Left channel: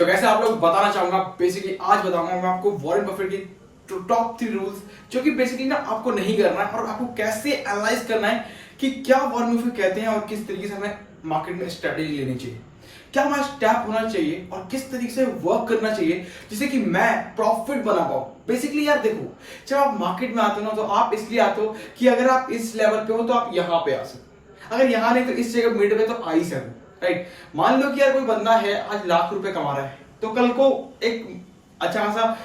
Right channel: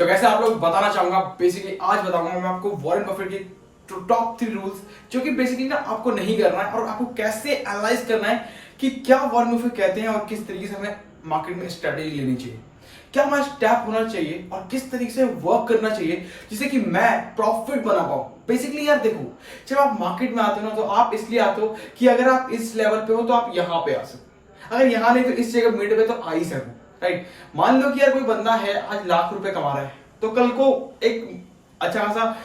तो कैसे आप लोग बताना चाहूंगा, बेसिकली आज बताऊंगा मैं आपको वॉरेन बफेट की टॉप 3 रूल्स जो कि बेसिकली ना आपको नहीं करना है और आपको कैसे एनालाइज करना है कि क्या वॉरेन बफेट कहते हैं और किस तरीके से हमें मार्केट में स्ट्रेटेजी लेनी चाहिए, क्या हमारा स्टेप होना चाहिए और किस तरीके से वर्क करना चाहिए जिससे कि मैं प्रॉफिट बना पाऊं। बेसिकली यार देखो, जब आप मार्केट में आते हो ना तो आप इसलिए आते हो कि अगर आप इस लेवल पे हो तो आप यहाँ पे आ सकते, अगर यहाँ नहीं तो इस जगह मिड पे तो आ ही सकते, राइट। मान लो कि यार कोई बंदा है आज लाख रुपए कमा रहा है तो कल को एक अच्छा खासा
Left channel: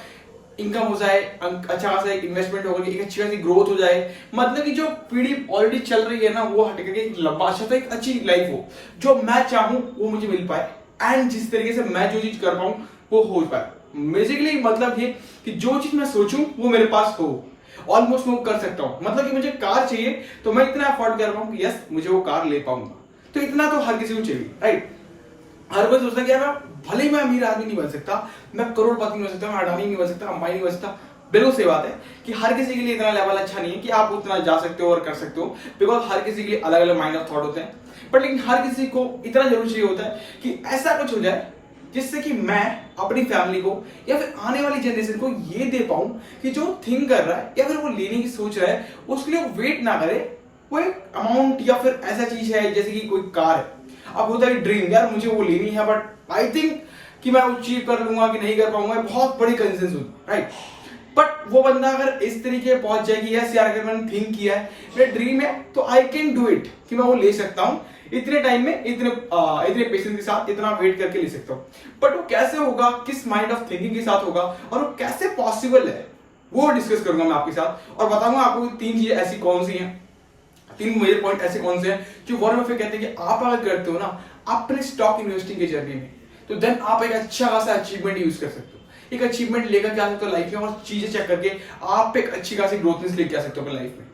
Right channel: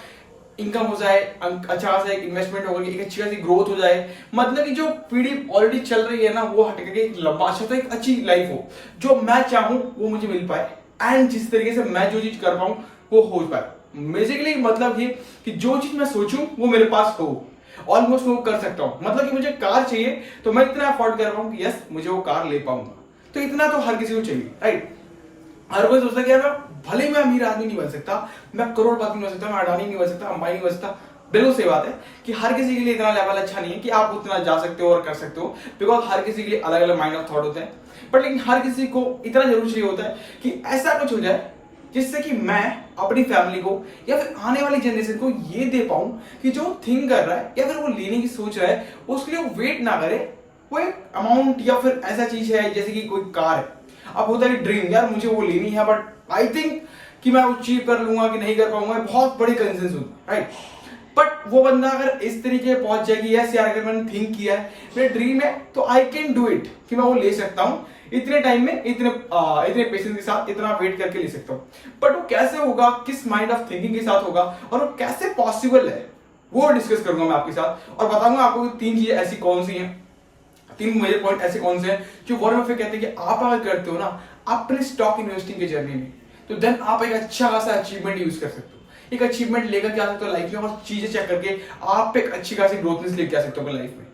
इनकम हो जाए, अच्छा खासा एक इन्वेस्टमेंट होगा, एक अच्छी खासी ग्रोथ हो जाए, मतलब कि जो पीढ़ी ऑलरेडी चल रही है ना वो हट करके एक लंबा अच्छा तो एक अच्छी लाइफ हो, जो मैं चाहूं वो मुझे मिल पाए एंड जिस तरीके से मैं जो चीज कर पाऊं वो हो पाए। बेसिकली मतलब ये कि जो चीज मैं सोचूं वो मेरे पास हो, ऑलमोस्ट वो कर सकता हूं। मतलब कि मुझे कार चाहिए तो मैं इतना अफोर्ड कर पाऊं कि यस मुझे वो कार ले पाऊंगा, तो इतना तो हर किसी को चाहिए, राइट। हर कोई सोचता है कि यार भले ही मैं अमीर आदमी नहीं बन सकता, मैं करोड़पति नहीं बन सकता, मैं अडानी नहीं बन सकता, अंबानी नहीं बन सकता। बिल्कुल सही बात है कि हर किसी के लिए इतना लेवल अच्छा नहीं है कि आप उतना जा सकते हो और कर सकते हो, बिकॉज हर किसी के लिए अलग अलग माइंड ऑफ थॉट होते हैं। बट लेकिन हर किसी को इतना जरूर चाहिए होता है कि ऐसा कुछ हो जाए जिससे कि मैं अपनी फैमिली को या फिर आने वाली जनरेशन को ये दे पाऊं कि जो थिंक कर रहा है या फिर वो लेने की सोच रहा है उसके लिए वो वेट ना करे, वो एक अमाउंट या फिर ऐसा चीज है जैसे कि कोई कार है। अब होता है ड्रीम, यार मुझे वो लेनी है बट आई थिंक कि मैं अचीव कर लूंगा कि नहीं कर पाऊंगा, बहुत बड़ी कंसेंस होती, राइट। बट वो बंदा अगर इस तरीके पहुंच जाए कि यस यार अगर मैंने थिंक किया है, मेरा ड्रीम है तो आई कैन डू इट, कि मैं वो ले सकता हूं इतने टाइम में, इतने पेशेंस के साथ, इतना वेट करके ले सकता हूं। बट वो कैसे होगा, किस माइंड ऑफ थिंकिंग के साथ होगा और वो कैसे पॉसिबल है वो डिस्कस करूंगा मैं आपके साथ और बताऊंगा आपको 3 चीजें ऐसी कौन सी हैं, 3 मेजर पॉइंट ऐसे कौन से हैं जो वॉरेन बफेट कहते हैं कि आप अगर करते हो ना अपने स्टॉक इन्वेस्टिंग की जर्नी में, तो देन आप एक अच्छा खासा अचीवमेंट यूज कर सकते हो, एक अचीवमेंट लेकर के आ सकते हो लाइफ में और चीजें चेक करके आप एक अच्छी खासी ग्रोथनेस लेके आ सकते हो अपनी लाइफ में।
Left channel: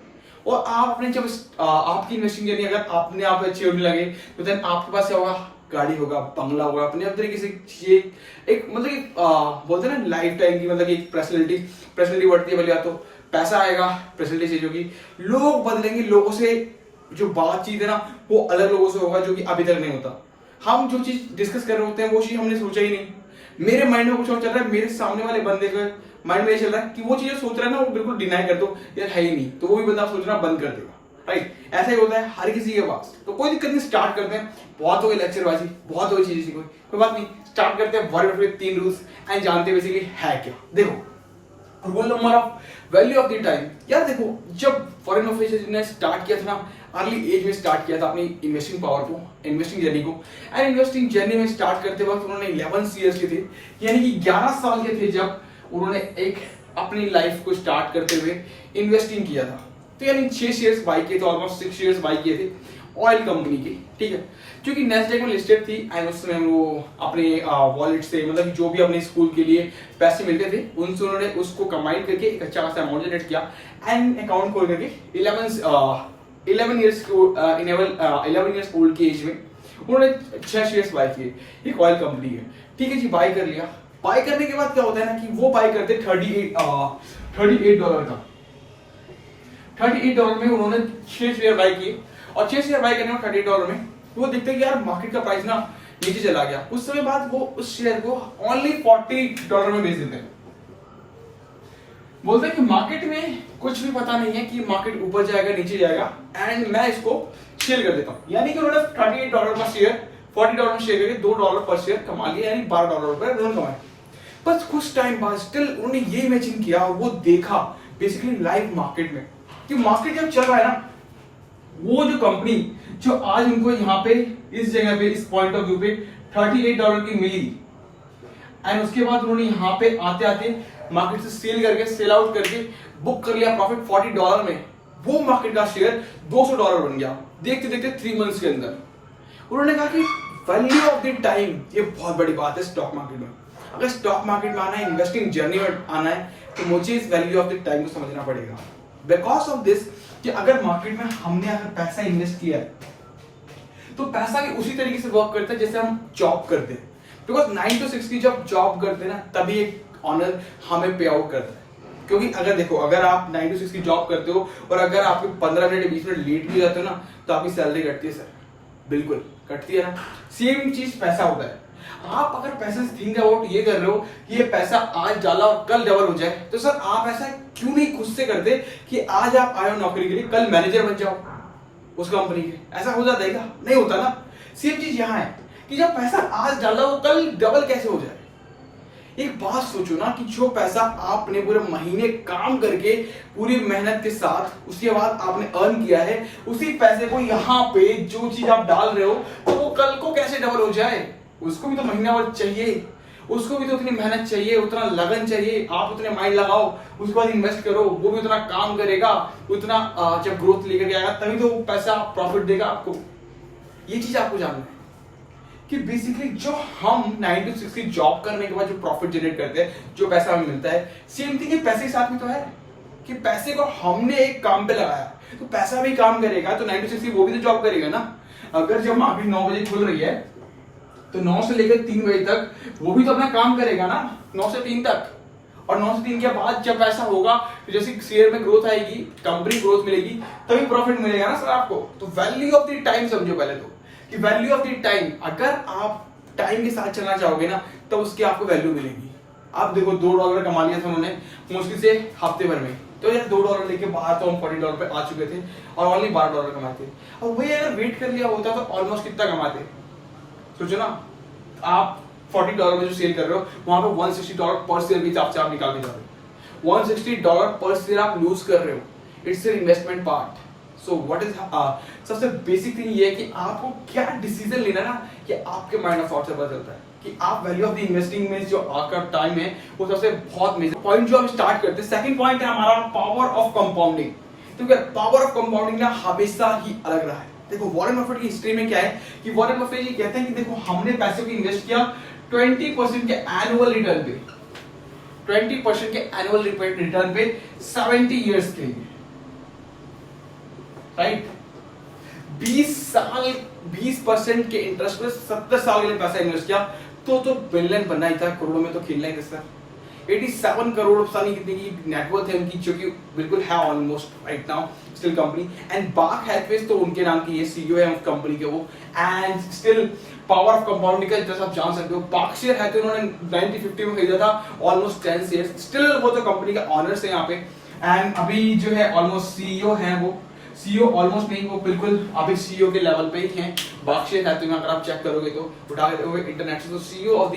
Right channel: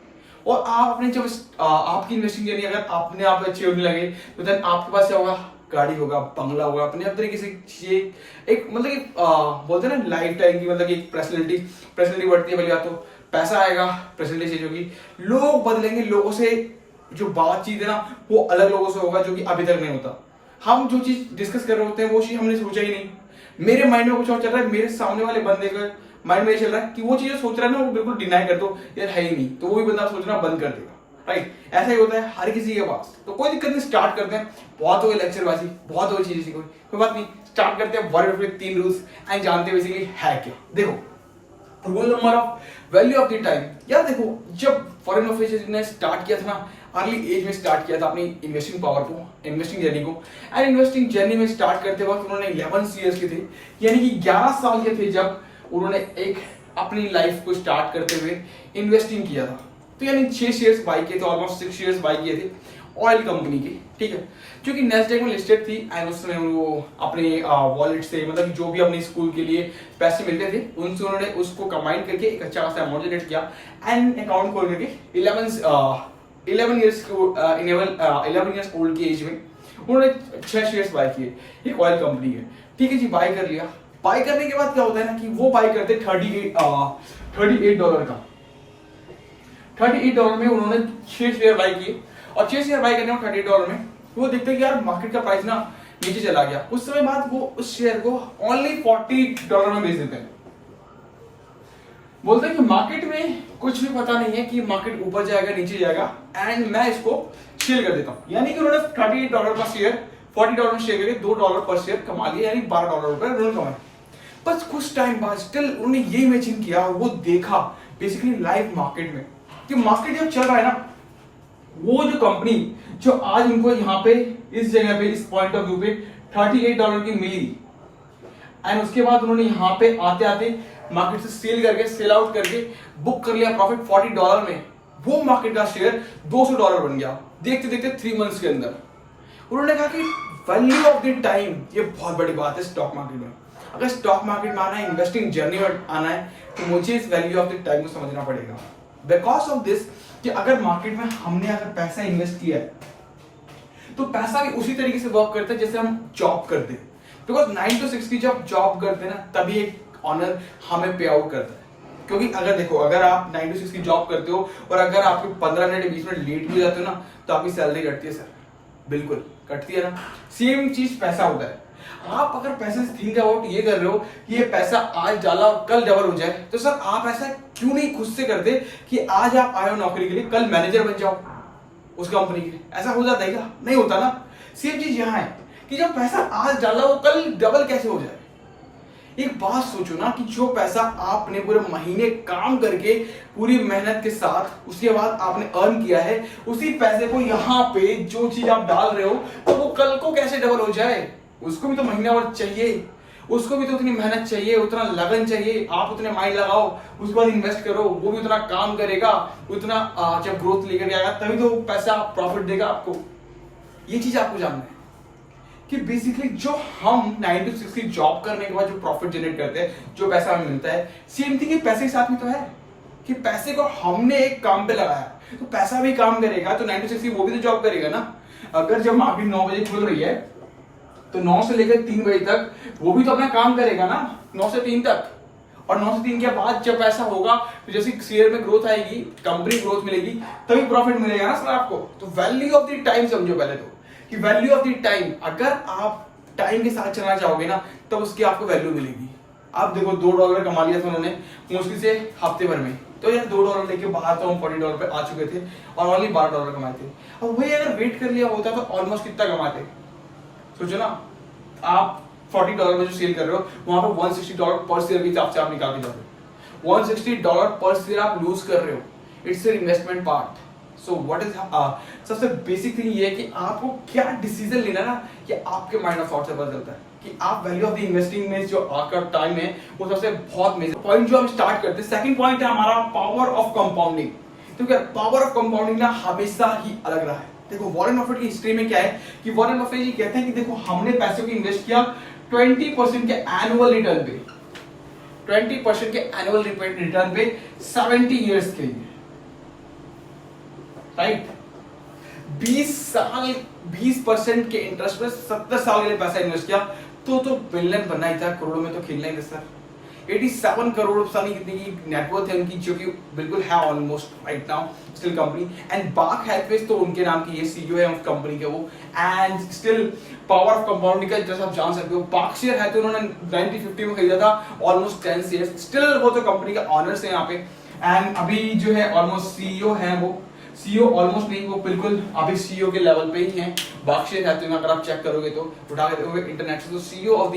और आप अपने जब आपकी इन्वेस्टिंग जर्नी अगर अपने आप अच्छी होने लगे तो देन आपके पास क्या होगा, गाड़ी होगा, बंगला होगा, अपने अपने तरीके से एक मतलब कि बोलते हैं ना लाइफ टाइम की, मतलब कि एक पर्सनैलिटी बढ़ती है। पहली बात तो पैसा आएगा, पर्सनैलिटी चेंज होगी, लोग बदलेंगे, लोगों से जो बातचीत है ना वो अलग लोगों से होगा जो कि अभी तक नहीं होता। हम जो चीज डिस्कस कर रहे होते हैं वो चीज हमने सोचा ही नहीं, मेरे माइंड में कुछ और चल रहा है, मेरे सामने वाले बंदे का माइंड में ये चल रहा है कि वो चीजें सोच रहा है ना वो बिल्कुल डिनाई कर दो, यार है ही नहीं, तो वो भी बंदा सोचना बंद कर देगा, राइट। ऐसा ही होता है हर किसी के पास। तो कोई दिक्कत नहीं, स्टार्ट करते हैं। बहुत हो गई लेक्चरबाजी, बहुत हो गई चीजें, कोई बात नहीं, स्टार्ट करते हैं वॉरेन बफेट 3 रूल्स एंड जानते हैं बेसिकली है क्या। देखो, rule number of value of the time. यार देखो, जब वॉरेन बफेट ने स्टार्ट किया था ना, अर्ली एज में स्टार्ट किया था अपनी इन्वेस्टिंग पावर को, इन्वेस्टिंग जर्नी को, एंड इन्वेस्टिंग जर्नी में स्टार्ट करते वक्त उन्होंने 11 ईयर्स के थे, यानी कि 11 साल के थे जब उन्होंने एक अपनी लाइफ को स्टार्ट करते हुए इन्वेस्टिंग किया था। तो यानी 6 शेयर्स बाई किए थे, ऑलमोस्ट 6 शेयर्स बाई किए थे ऑयल कंपनी की, ठीक है, जो कि नेस्डेक में लिस्टेड थी। एंड उस समय वो अपने वॉलेट से, मतलब कि जो भी अपने स्कूल के लिए पैसे मिलते थे उनसे उन्होंने उसको कंबाइन करके एक अच्छा खासा अमाउंट जनरेट किया एंड अकाउंट खोल करके 11 इयर्स ओल्ड की एज में उन्होंने 6 शेयर्स बाय किए एक ऑयल कंपनी के, ठीक है जी। बाय कर लिया, बाय करने के बाद क्या होता है ना कि वो बाय करते $38 का, $38 में उन्होंने 6 शेयर बाय किए और 6 शेयर बाय करने में $38 में वो देखते हैं कि यार मार्केट का प्राइस ना नीचे चला गया। उस समय बाद वो उस शेयर को ओनली $40 में बेच देते हैं। बोलते हैं कि मार्केट में कुछ भी पता नहीं है कि मार्केट ऊपर जाएगा नीचे जाएगा एंड मैं इसको सेल कर देता हूं। यानी कि उन्होंने $38 का शेयर $40 में शेयर करके $2 पर शेयर कमा लिया, यानी $12 पर उन्होंने कमाया। बस कुछ टाइम बाद स्टिल उन्होंने ये इमेजिन किया, वो देखा बेसिकली लाइव मार्केट में कि मार्केट जब चल रहा है ना, वो जो कंपनी जो आज उनको यहाँ पे इस जगह पे इस पॉइंट ऑफ व्यू पे $38 की मिली एंड उसके बाद उन्होंने यहाँ पे आते आते मार्केट से सेल आउट करके बुक कर लिया प्रॉफिट $40 में, वो मार्केट का शेयर $200 बन गया देखते देखते 3 मंथ्स के अंदर। उन्होंने कहा कि वैल्यू ऑफ द टाइम ये बहुत बड़ी बात है स्टॉक मार्केट में। अगर स्टॉक मार्केट में आना है, इन्वेस्टिंग जर्नी में आना है, तो मुझे इस वैल्यू ऑफ द टाइम को समझना पड़ेगा। बिकॉज ऑफ दिस कि अगर मार्केट में हमने अगर पैसा इन्वेस्ट किया है तो पैसा भी उसी तरीके से वर्क करता है जैसे हम जॉब करते हैं। बिकॉज 9 to 6 की जब जॉब करते हैं ना तभी एक ऑनर हमें पे आउट करता है। क्योंकि अगर देखो, अगर आप 9 to 6 की जॉब करते हो और अगर आपके 15 मिनट 20 मिनट लेट भी जाते हो ना तो आपकी सैलरी कटती है सर, बिल्कुल कटती है ना। सेम चीज पैसा होता है। आप अगर पैसे से थिंक अबाउट ये कर रहे हो कि ये पैसा आज डाला और कल डबल हो जाए, तो सर आप ऐसा क्यों नहीं खुद से करते कि आज आप आए हो नौकरी के लिए, कल मैनेजर बन जाओ उस कंपनी के? ऐसा हो जाता है क्या? नहीं होता ना। सेम चीज यहाँ है कि जब पैसा आज डाला वो कल डबल कैसे हो जाए। एक बात सोचो ना कि जो पैसा आपने पूरे महीने काम करके पूरी मेहनत के साथ उसके बाद आपने अर्न किया है, उसी पैसे को यहाँ पे जो चीज आप डाल रहे हो तो वो कल को कैसे डबल हो जाए? उसको भी तो महीना भर चाहिए, उसको भी तो उतनी मेहनत चाहिए, उतना लगन चाहिए, आप उतने माइंड लगाओ, उसके बाद इन्वेस्ट करो, वो भी उतना काम करेगा, उतना जब ग्रोथ लेकर के आएगा तभी तो पैसा प्रॉफिट देगा आपको। ये चीज आपको जानना है कि बेसिकली जो हम 9 to 6 की जॉब करने के बाद जो प्रॉफिट जनरेट करते हैं, जो पैसा हमें मिलता है, सेम थिंग पैसे के साथ भी तो है कि पैसे को हमने एक काम पे लगाया तो पैसा भी काम करेगा, तो 9 to 6 की वो भी तो जॉब करेगा ना। अगर जब मार्केट 9 बजे खुल रही है तो 9 से लेकर 3 बजे तक वो भी तो अपना काम करेगा ना, 9 से 3 तक। और 9 से 3 के बाद जब ऐसा होगा तो जैसे शेयर में ग्रोथ आएगी, कंपनी ग्रोथ मिलेगी, तभी प्रॉफिट मिलेगा ना सर आपको। तो वैल्यू ऑफ द टाइम समझो पहले तो कि वैल्यू ऑफ द टाइम, अगर आप टाइम के साथ चलना चाहोगे ना तब उसकी आपको वैल्यू मिलेगी। आप देखो $2 कमा लिया था उन्होंने मुश्किल से हफ्ते भर में, तो यार $2 लेके बाहर तो हम $40 पे आ चुके थे और ओनली $12 कमाए थे। और वही अगर वेट कर लिया होता तो ऑलमोस्ट कितना कमाते? सोचो ना, आप $40 में जो सेल कर रहे हो वहां पे $160 पर शेयर भी आप निकाल के जा रहे हो, $160 पर शेयर आप लूज कर रहे हो। It's an investment part. So what is सबसे बेसिक थिंग ये है कि आपको क्या डिसीजन लेना ना, कि आपके माइंड ऑफ थॉट से पता चलता है कि आप वैल्यू ऑफ द इन्वेस्टिंग में जो आपका टाइम है वो सबसे बहुत मेजर पॉइंट जो हम स्टार्ट करते हैं। सेकंड पॉइंट है हमारा पावर ऑफ कंपाउंडिंग। तो क्या पावर ऑफ कंपाउंडिंग ना हमेशा ही अलग रहा है। देखो वॉरेन बफेट की हिस्ट्री में क्या है कि वॉरेन बफेट ये कहते हैं कि देखो हमने पैसे को इन्वेस्ट किया 20% के एनुअल रिटर्न पे, 20% के एनुअल रिटर्न पे 70 इयर्स के लिए, राइट? 20% के इंटरेस्ट पे 70 साल के लिए पैसा इन्वेस्ट किया, तो बिलियन बनना ही था, करोड़ों में तो खेलना ही था सर। 87 करोड़ पता नहीं कितनी की नेटवर्थ है उनकी, जो कि बिल्कुल है almost right now still company. And बाक हेल्थवेज तो उनके नाम की ये सीईओ है उस कंपनी के वो। And still power of compounding का जैसा आप जान सकते हो, बार्कशायर है तो उन्होंने 1950 में खरीदा था, ऑलमोस्ट 10 इयर्स। स्टिल वो तो कंपनी का ऑनर्स है यहाँ पे। एंड अभी जो है ऑलमोस्ट सीईओ है, वो सीईओ ऑलमोस्ट नहीं, वो बिल्कुल अभी सीईओ के लेवल पे ही हैं। बार्कशायर हैथवे में अगर आप चेक करोगे तो उठा के देखोगे इंटरनेट से, तो CEO of the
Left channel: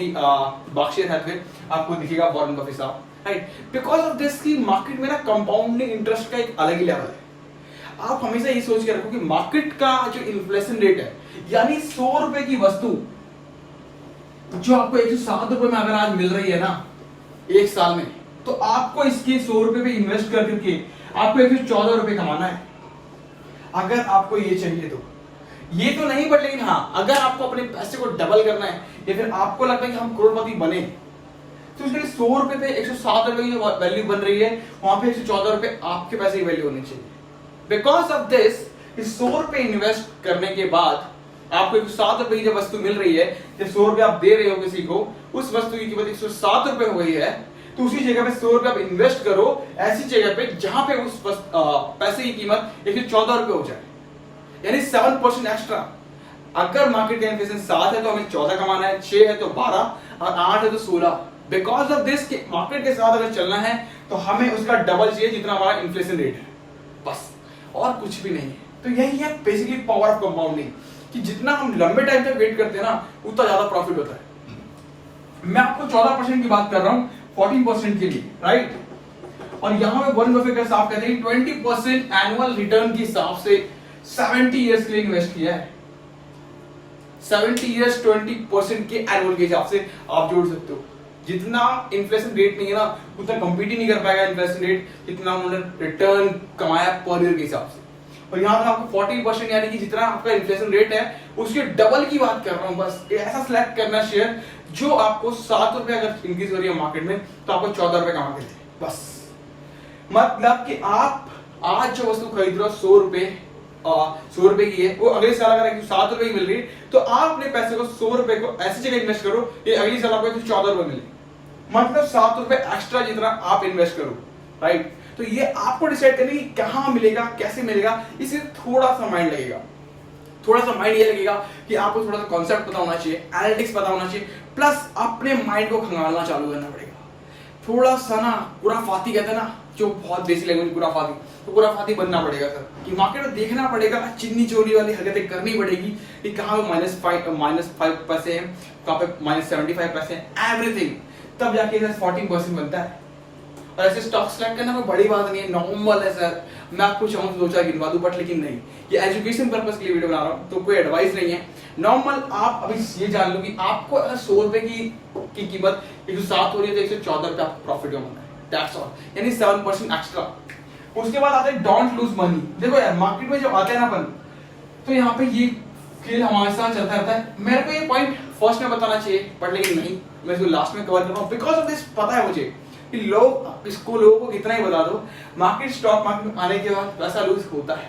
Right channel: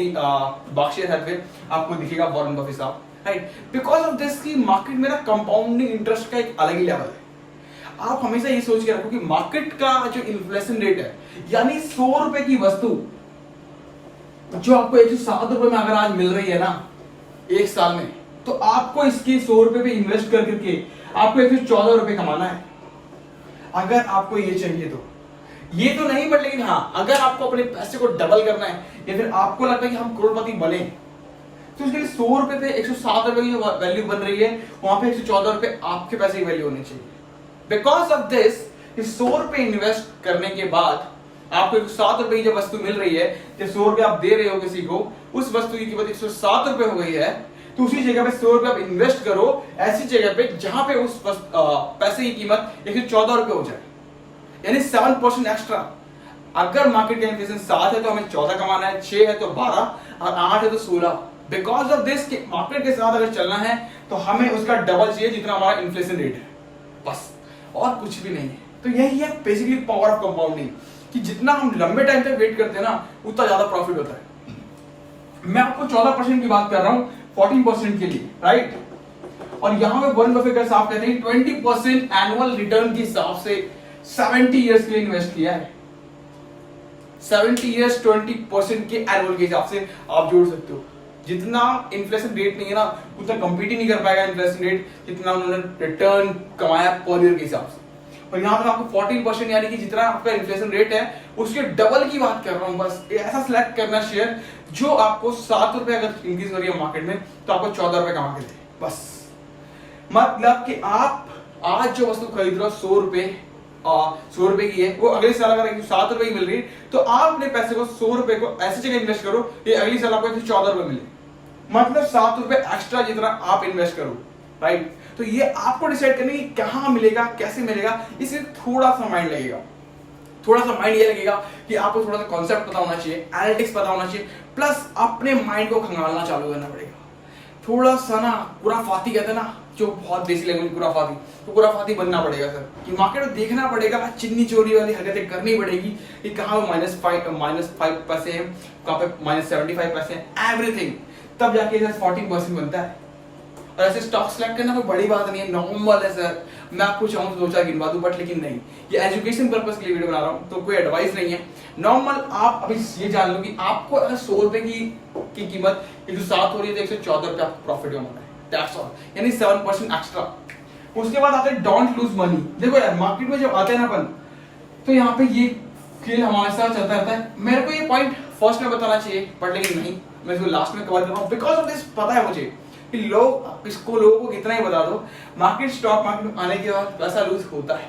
Berkshire Hathaway आपको दिखेगा वॉरेन बफेट साहब, राइट? बिकॉज ऑफ दिस की मार्केट में ना कंपाउंडिंग इंटरेस्ट का एक अलग ही लेवल है। आप हमेशा ये सोच के रखो कि मार्केट का जो इन्फ्लेशन रेट है, यानी 100 रुपए की वस्तु जो आपको 107 रुपए में अगर आज मिल रही है ना एक साल में, तो आपको इसके 100 रुपए पे इन्वेस्ट कर करके आपको 114 रुपए कमाना है। अगर आपको ये चाहिए तो ये तो नहीं, बट लेकिन हाँ, अगर आपको अपने पैसे को डबल करना है या फिर आपको लगता है कि हम करोड़पति बने, तो इसके लिए 100 रुपए पे 107 रुपए की जो वैल्यू बन रही है वहां पे 114 रुपए आपके पैसे की वैल्यू होनी चाहिए। बिकॉज ऑफ दिस, इस 100 रुपए इन्वेस्ट करने के बाद आपको 107 रुपए की जब वस्तु मिल रही है, जब 100 रुपए आप दे रहे हो किसी को, उस वस्तु की कीमत 107 रुपए हो गई है, तो उसी जगह पे 100 रुपए आप इन्वेस्ट करो ऐसी जगह पे जहां पे उस पैसे की कीमत 114 रुपए हो जाए, यानी 7% एक्स्ट्रा। अगर मार्केट का इन्फ्लेशन 7 है तो हमें 14 कमाना है, 6 है तो 12 और 8 है तो 16। बिकॉज ऑफ दिस मार्केट के साथ अगर चलना है तो हमें उसका डबल चाहिए जितना हमारा इन्फ्लेशन रेट है, बस, और कुछ भी नहीं है। तो यही है बेसिकली पावर ऑफ कंपाउंडिंग, कि जितना हम लंबे टाइम तक वेट करते हैं ना उतना ज्यादा प्रॉफिट होता है। मैं आपको 14% की बात कर रहा हूं 14% के लिए, राइट? और यहां पे वॉरेन बफेट का साहब कहते हैं 20% एनुअल रिटर्न के हिसाब से 70 इयर्स के लिए इन्वेस्ट किया है। 70 इयर्स 20% के एनुअल के हिसाब से आप जोड़ सकते हो। जितना इन्फ्लेशन रेट नहीं है ना उतना कंपीट ही नहीं कर पाएगा इन्फ्लेशन रेट जितना उन्होंने रिटर्न कमाया पर ईयर के हिसाब से। और यहां पर आपको 14% यानी कि जितना आपका इन्फ्लेशन रेट है उसके डबल की बात कर रहा हूं। बस ऐसा सिलेक्ट करना शेयर जो आपको 7 रुपए अगर इंक्रीज हो रही है मार्केट में तो आपको 14 रुपए कमा के दे, बस। मतलब कि आप आज जो वस्तु खरीद रहे हो 100 रुपए की है, वो अगले साल अगर 107 रुपए की मिल रही है तो आप अपने पैसे को 100 रुपए को ऐसी जगह इन्वेस्ट करो ये अगली साल आपको 114 रुपए मिले, मतलब 7 रुपए एक्स्ट्रा जितना आप इन्वेस्ट करो, राइट? तो ये आपको डिसाइड करना कि कहां मिलेगा, कैसे मिलेगा, इसे थोड़ा सा माइंड लगेगा। थोड़ा सा माइंड ये लगेगा कि आपको थोड़ा सा कॉन्सेप्ट पता होना चाहिए, एनालिटिक्स पता होना चाहिए, प्लस अपने माइंड को खंगालना चालू करना पड़ेगा। थोड़ा सा ना खुराफाती कहते हैं ना, जो बहुत बेसिक लैंग्वेज खुराफाती, तो खुराफाती बनना पड़ेगा सर, कि मार्केट में देखना पड़ेगा, चिन्नी चोरी वाली हरकतें करनी पड़ेगी कि कहाँ पे -5 पैसे हैं, कहाँ पे -75 पैसे हैं, एवरीथिंग, तब जाके 14% बनता है। और ऐसे स्टॉक सेलेक्ट करना कोई बड़ी बात नहीं है, नॉर्मल है सर। मैं आपको चाहूँ तो 2-4 गिनवा दूं, बट लेकिन नहीं, ये एजुकेशन पर्पस के लिए वीडियो बना रहा हूँ, तो कोई एडवाइस नहीं है। नॉर्मल आप अभी ये जान लो कि आपको अगर 100 रुपए की कीमत 107 हो रही है तो 114 रुपए आपको प्रॉफिट होना है, दैट्स ऑल, यानी 7% एक्स्ट्रा। उसके बाद आता है डोंट लूज मनी। देखो यार, मार्केट में जब आते हैं ना अपन, तो यहाँ पे ये खेल हमारे साथ चलता रहता है। मेरे को ये पॉइंट फर्स्ट में बताना चाहिए, बट लेकिन नहीं, मैं इसको लास्ट में कवर कर रहा हूँ, बिकॉज ऑफ दिस पता है मुझे कि लोगों को कितना ही बता दो, मार्केट स्टॉक मार्केट में आने के बाद पैसा लूज होता है,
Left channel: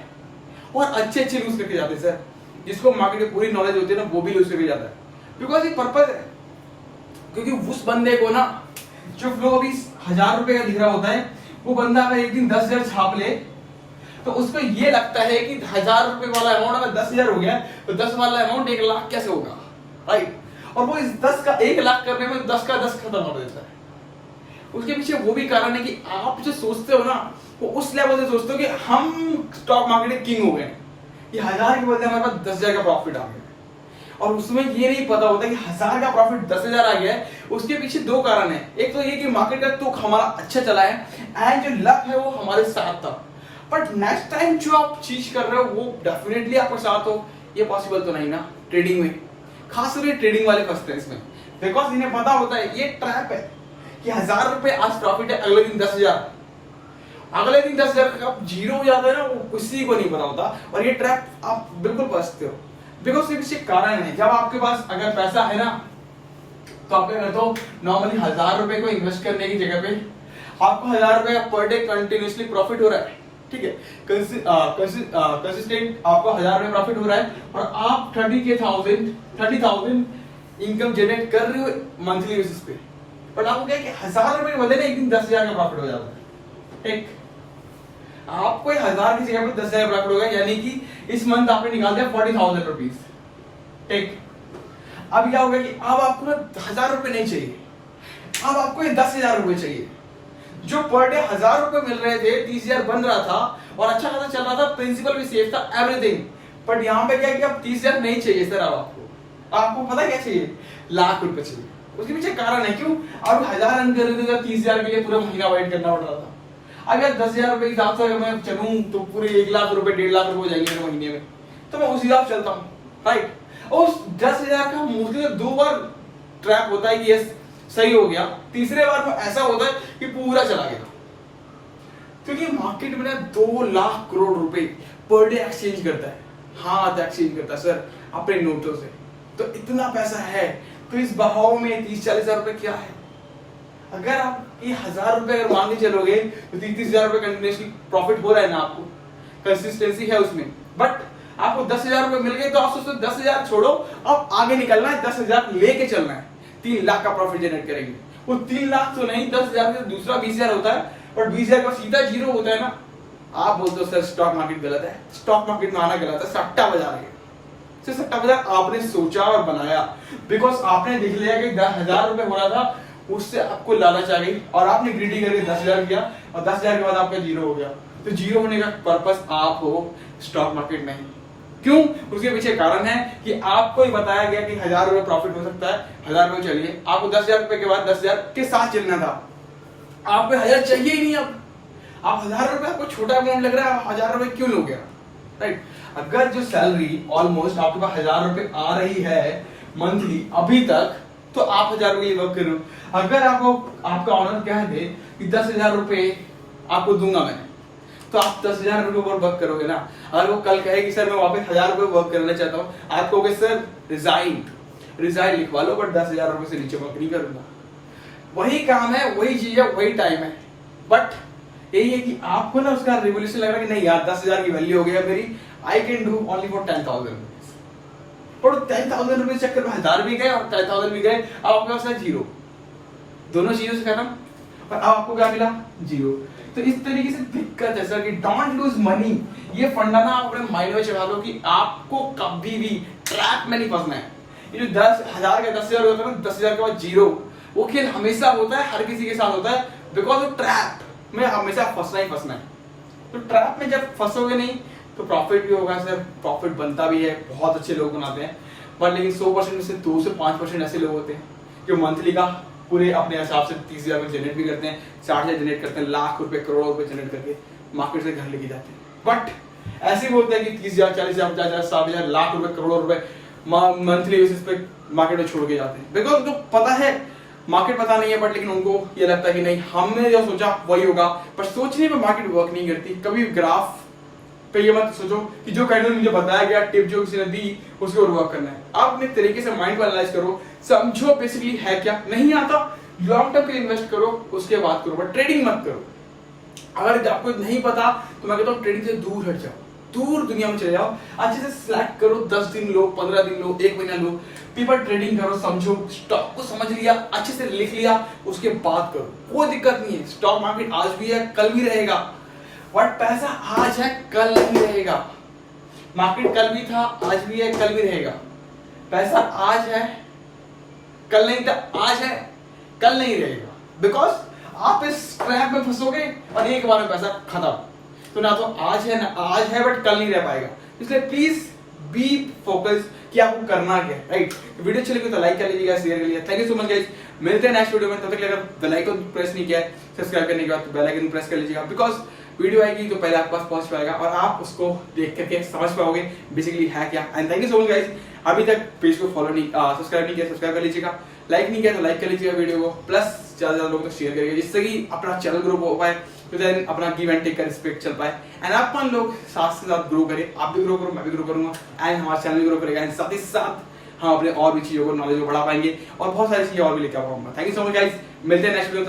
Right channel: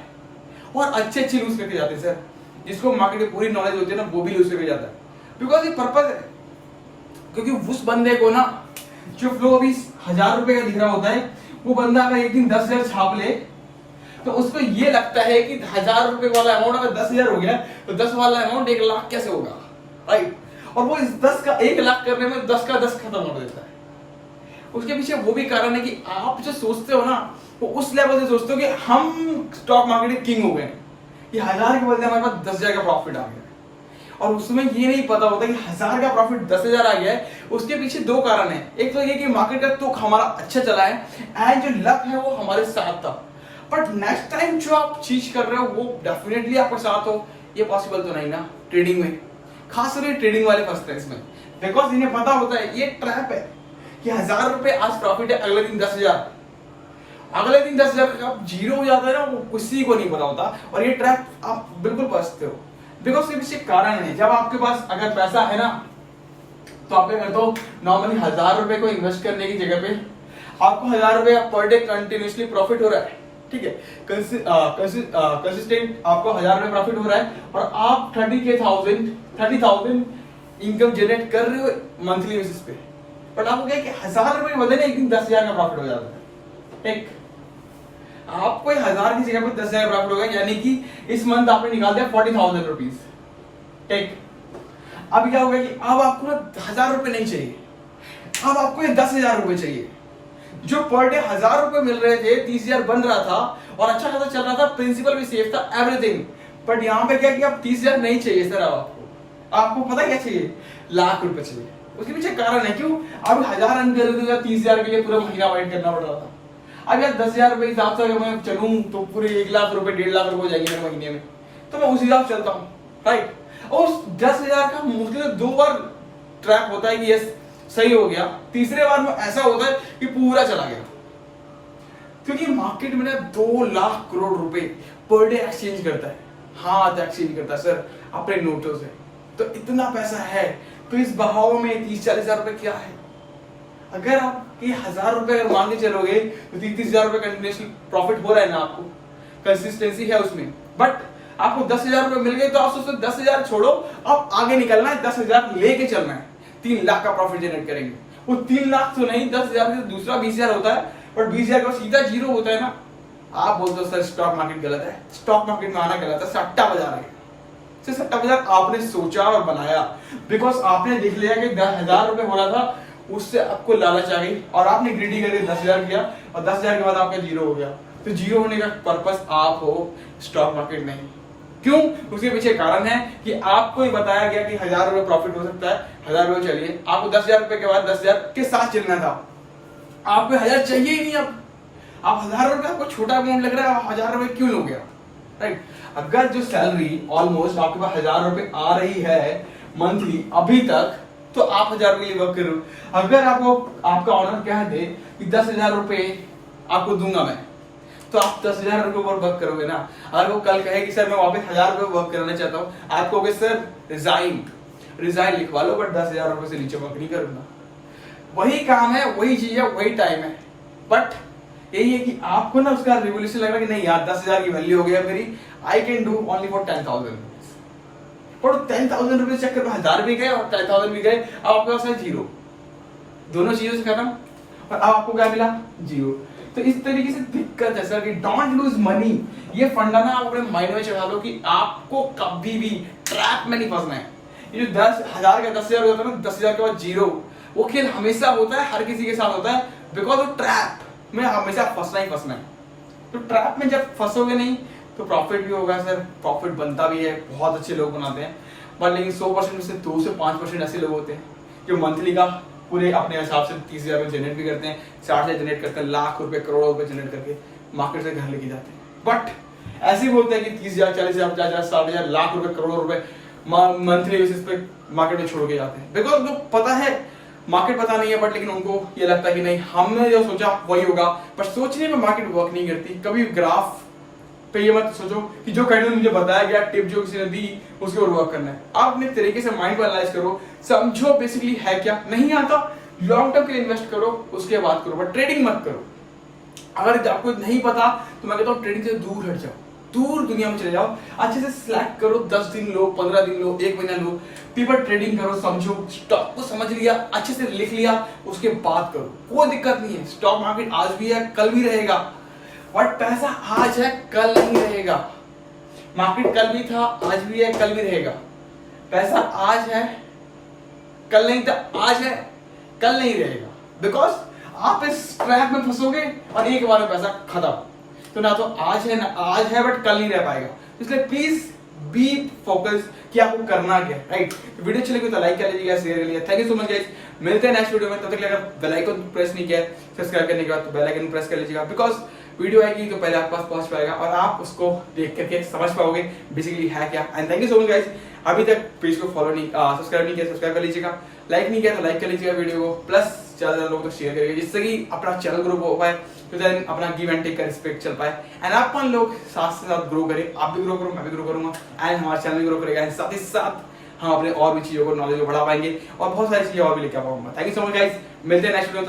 और अच्छे लूज करके जाते हैं सर। जिसको मार्केट की पूरी नॉलेज होती है ना, वो भी लूज करके जाता है, बिकॉज ये पर्पज है। क्योंकि उस बंदे को ना, जो फ्लो अभी 1000 रुपए का दिख रहा होता है, वो बंदा अगर एक दिन 10,000 छाप ले, तो उसको ये लगता है कि 1000 रुपए वाला अमाउंट अगर 10,000 हो गया, तो 10 वाला अमाउंट 1 लाख कैसे होगा, राइट? और वो इस 10 का 1 लाख करने में 10 का 10 खत्म कर देता है। उसके पीछे वो भी कारण है कि आप जो सोचते हो ना, वो उस लेवल से सोचते हो कि हम स्टॉक मार्केट के किंग हो गए, कि 1000 के बदले हमारे पास 10,000 का प्रॉफिट आ गया, और उसमें ये नहीं पता होता कि 1000 का प्रॉफिट 10,000 आ गया है। उसके पीछे 2 कारण है, एक तो ये कि मार्केट का तुक हमारा अच्छा चला है, एंड जो लक है वो हमारे साथ था। बट नेक्स्ट टाइम जो आप चीज कर रहे हो वो डेफिनेटली आपके साथ हो, ये पॉसिबल तो नहीं ना ट्रेडिंग में। खासकर ट्रेडिंग वाले फंसते हैं इसमें, बिकॉज इन्हें पता होता है ये ट्रैप है कि 1000 रुपए आज प्रॉफिट है, अगले दिन 10,000, अगले दिन 10,000 का जीरो हो जाता है ना, वो किसी को नहीं पता होता, और ये ट्रैप आप बिल्कुल फंसते हो। बिकॉज इसके पीछे कारण है, जब आपके पास अगर पैसा है ना, तो आप क्या करते हो, नॉर्मली 1000 रुपए को इन्वेस्ट करने की जगह पे आपको 1000 रुपए पर डे कंटिन्यूसली प्रॉफिट हो रहा है, ठीक है, कंसिस्टेंट आपको 1000 रुपए प्रॉफिट हो रहा है, और आप 30,000 इनकम जनरेट कर रहे हो मंथली बेसिस पे। बट आपको क्या है कि 1000 रुपए के बदले ना एक दिन 10,000 का प्रॉफिट हो जाता है, ठीक? आपको 1000 की जगह पे 10,000 प्रॉफिट हो गया, यानी कि इस मंथ आपने निकाल दिया 40,000 रुपीज, ठीक? अब क्या होगा कि अब आपको 1000 रुपए नहीं चाहिए, अब आपको 10,000 रुपए चाहिए। जो पर डे 1000 रुपए मिल रहे थे, 30,000 बन रहा था और अच्छा खासा चल रहा था, प्रिंसिपल भी सेफ था, एवरीथिंग। बट यहाँ पे क्या कि अब 30,000 नहीं चाहिए सर, अब आपको पता क्या चाहिए, लाख रुपए चाहिए। उसके पीछे कारण है, क्यों? अब 1000 रन कर रहे थे, 30,000 के लिए पूरा महीना वेट करना पड़ रहा था। अगर 10,000 रुपए हिसाब से अगर मैं चलूं तो पूरे 1 लाख रुपए 1.5 लाख रुपए हो जाएंगे मेरे महीने में, तो मैं उस हिसाब से चलता हूँ, राइट? और उस 10,000 का मुश्किल 2 बार ट्रैप होता है कि यस सही हो गया, तीसरे बार में ऐसा होता है कि पूरा चला गया। क्योंकि मार्केट में ना 2 लाख करोड़ रुपए पर डे एक्सचेंज करता है, हाथ एक्सचेंज करता है सर अपने नोटों से। तो इतना पैसा है, तो इस बहाव में 30-40 हजार रुपए क्या है? अगर आप 1000 रुपए अगर मान के चलोगे तो 30,000 रुपए कंटिन्यूसली प्रॉफिट हो रहा है ना, आपको कंसिस्टेंसी है उसमें। बट आपको 10,000 रुपए मिल गए, तो आप सोचो 10,000 छोड़ो, अब आगे निकलना है, 10,000 लेके चलना है, 3 लाख का प्रॉफिट जनरेट करेंगे। वो 3 लाख तो नहीं, 10,000 से दूसरा 20,000 होता है, और 20,000 का सीधा जीरो होता है ना। आप बोलते हो सर स्टॉक मार्केट गलत है, स्टॉक मार्केट में आना गलत है, सट्टा बाजार है। सट्टा बाजार आपने सोचा और बनाया, बिकॉज आपने देख लिया कि 10,000 रुपए हो रहा था, उससे आपको लालच आ गई और आपने ग्रीडी करके 10,000 किया, और 10,000 के बाद आपका जीरो हो गया। तो जीरो होने का पर्पस आप हो, स्टॉक मार्केट नहीं। क्यों? उसके पीछे कारण है कि आपको ही बताया गया कि 1000 रुपए प्रॉफिट हो सकता है, 1000 रुपए चलिए, आपको 10,000 रुपए के बाद 10,000 के साथ चलना था, आपको 1000 चाहिए ही नहीं। अब आप 1000 रुपए आपको छोटा अमाउंट लग रहा है, आप 1000 रुपए क्यों लोगे, राइट? अगर जो सैलरी ऑलमोस्ट आपके पास 1000 रुपए आ रही है मंथली अभी तक, तो आप 1000 रुपए के लिए वर्क करो। अगर आपको आपका ऑनर कह दे कि 10,000 रुपए आपको दूंगा मैं, तो आप 10,000 रुपए पर वर्क करोगे ना। अगर वो कल कहे कि सर मैं वापस 1000 रुपए वर्क करना चाहता हूँ, आप कहोगे सर रिजाइन लिखवा लो, बट 10,000 रुपए से नीचे वर्क नहीं करूंगा। वही काम है, वही चीज है, वही टाइम है, बट यही है कि आपको ना उसका रिवोल्यूशन लग रहा है कि नहीं यार 10,000 की वैल्यू हो गया मेरी, I can do only for 10,000। पर 10,000 रुपए चक्कर में 1000 भी गए और 10,000 भी गए, अब आपके पास है जीरो, दोनों चीजों से खत्म। और अब आपको क्या मिला, 0। तो इस तरीके से दिक्कत है सर कि डोंट लूज मनी। ये फंडा ना आप अपने माइंड में चढ़ा लो कि आपको कभी भी ट्रैप में नहीं फंसना है। ये जो 10,000 का 10,000 होता है ना, 10,000 के बाद 0, वो खेल हमेशा होता है, हर किसी के साथ होता है, बिकॉज वो ट्रैप में हमेशा फंसना ही फंसना है। तो ट्रैप में जब फंसोगे नहीं तो प्रॉफिट भी होगा सर, प्रॉफिट बनता भी है, बहुत अच्छे लोग बनाते हैं, पर लेकिन 100% में से 2 से 5% ऐसे लोग होते हैं जो मंथली का पूरे अपने हिसाब से 30,000 में जनरेट भी करते हैं, 60,000 जनरेट करते हैं, लाख रुपए करोड़ों रुपए जनरेट करके मार्केट से घर लेके जाते हैं। बट ऐसे भी बोलते हैं कि 30,000 40,000 50,000 60,000 लाख रुपए करोड़ों रुपए मंथली बेसिस पे मार्केट में छोड़ के जाते हैं, बिकॉज उनको पता है, मार्केट पता नहीं है, बट लेकिन उनको ये लगता है कि नहीं हमने जो सोचा वही होगा, पर सोचने में मार्केट वर्क नहीं करती। कभी ग्राफ पे ये मत सोचो कि जो कैंडल मुझे बताया गया, टिप जो किसी ने दी उसके ऊपर वर्क करना है। आप अपने तरीके से माइंड को एनालाइज करो, समझो बेसिकली है क्या, नहीं आता लॉन्ग टर्म के लिए इन्वेस्ट करो, उसके बाद करो, बट ट्रेडिंग मत करो। अगर आपको नहीं पता तो मैं कहता हूँ ट्रेडिंग से दूर हट जाओ, दूर दुनिया में चले जाओ, अच्छे से सिलेक्ट करो, 10 दिन लो, 15 दिन लो, 1 महीना लो, पेपर ट्रेडिंग करो, समझो, स्टॉक को समझ लिया, अच्छे से लिख लिया, उसके बाद करो, कोई दिक्कत नहीं है। स्टॉक मार्केट आज भी है, कल भी रहेगा, बट पैसा आज है, कल नहीं रहेगा। मार्केट कल भी था, आज भी है, कल भी रहेगा। पैसा आज है, कल नहीं था, आज है, कल नहीं रहेगा, बिकॉज आप इस ट्रैप में फंसोगे और एक बार में पैसा खत्म। तो ना तो आज है, ना आज है, बट कल नहीं रह पाएगा। इसलिए प्लीज बी फोकस कि आपको करना क्या है, राइट। वीडियो अच्छी लगी तो लाइक कर लीजिएगा, शेयर कर लीजिएगा। Thank you so much guys, मिलते हैं नेक्स्ट वीडियो में। तब तक अगर बेल आइकन प्रेस नहीं किया है सब्सक्राइब करने के बाद, तो बेल आइकन प्रेस कर लीजिएगा, बिकॉज वीडियो आएगी तो पहले आपके पास पहुंच पाएगा और आप उसको देख करके समझ पाओगे बेसिकली है क्या। And thank you so much guys, अभी तक पेज को फॉलो नहीं सब्सक्राइब नहीं किया, सब्सक्राइब कर लीजिएगा, लाइक नहीं किया तो लाइक कर लीजिएगा वीडियो को, प्लस ज्यादा लोग तो शेयर करिएगा, जिससे कि अपना चैनल ग्रो हो पाए, तो देन अपना गिव एंड टेक का रिस्पेक्ट चल पाए, एंड आप लोग साथ से साथ ग्रो करें, आप भी ग्रो करो, मैं भी ग्रो करूंगा, एंड हमारा चैनल भी ग्रो करेगा, एंड साथ ही साथ हम अपने और भी चीजों को नॉलेज को बढ़ा पाएंगे और बहुत सारी चीजें और भी लेके आ पाऊंगा। Thank you so much guys, मिलते हैं नेक्स्ट वीडियो।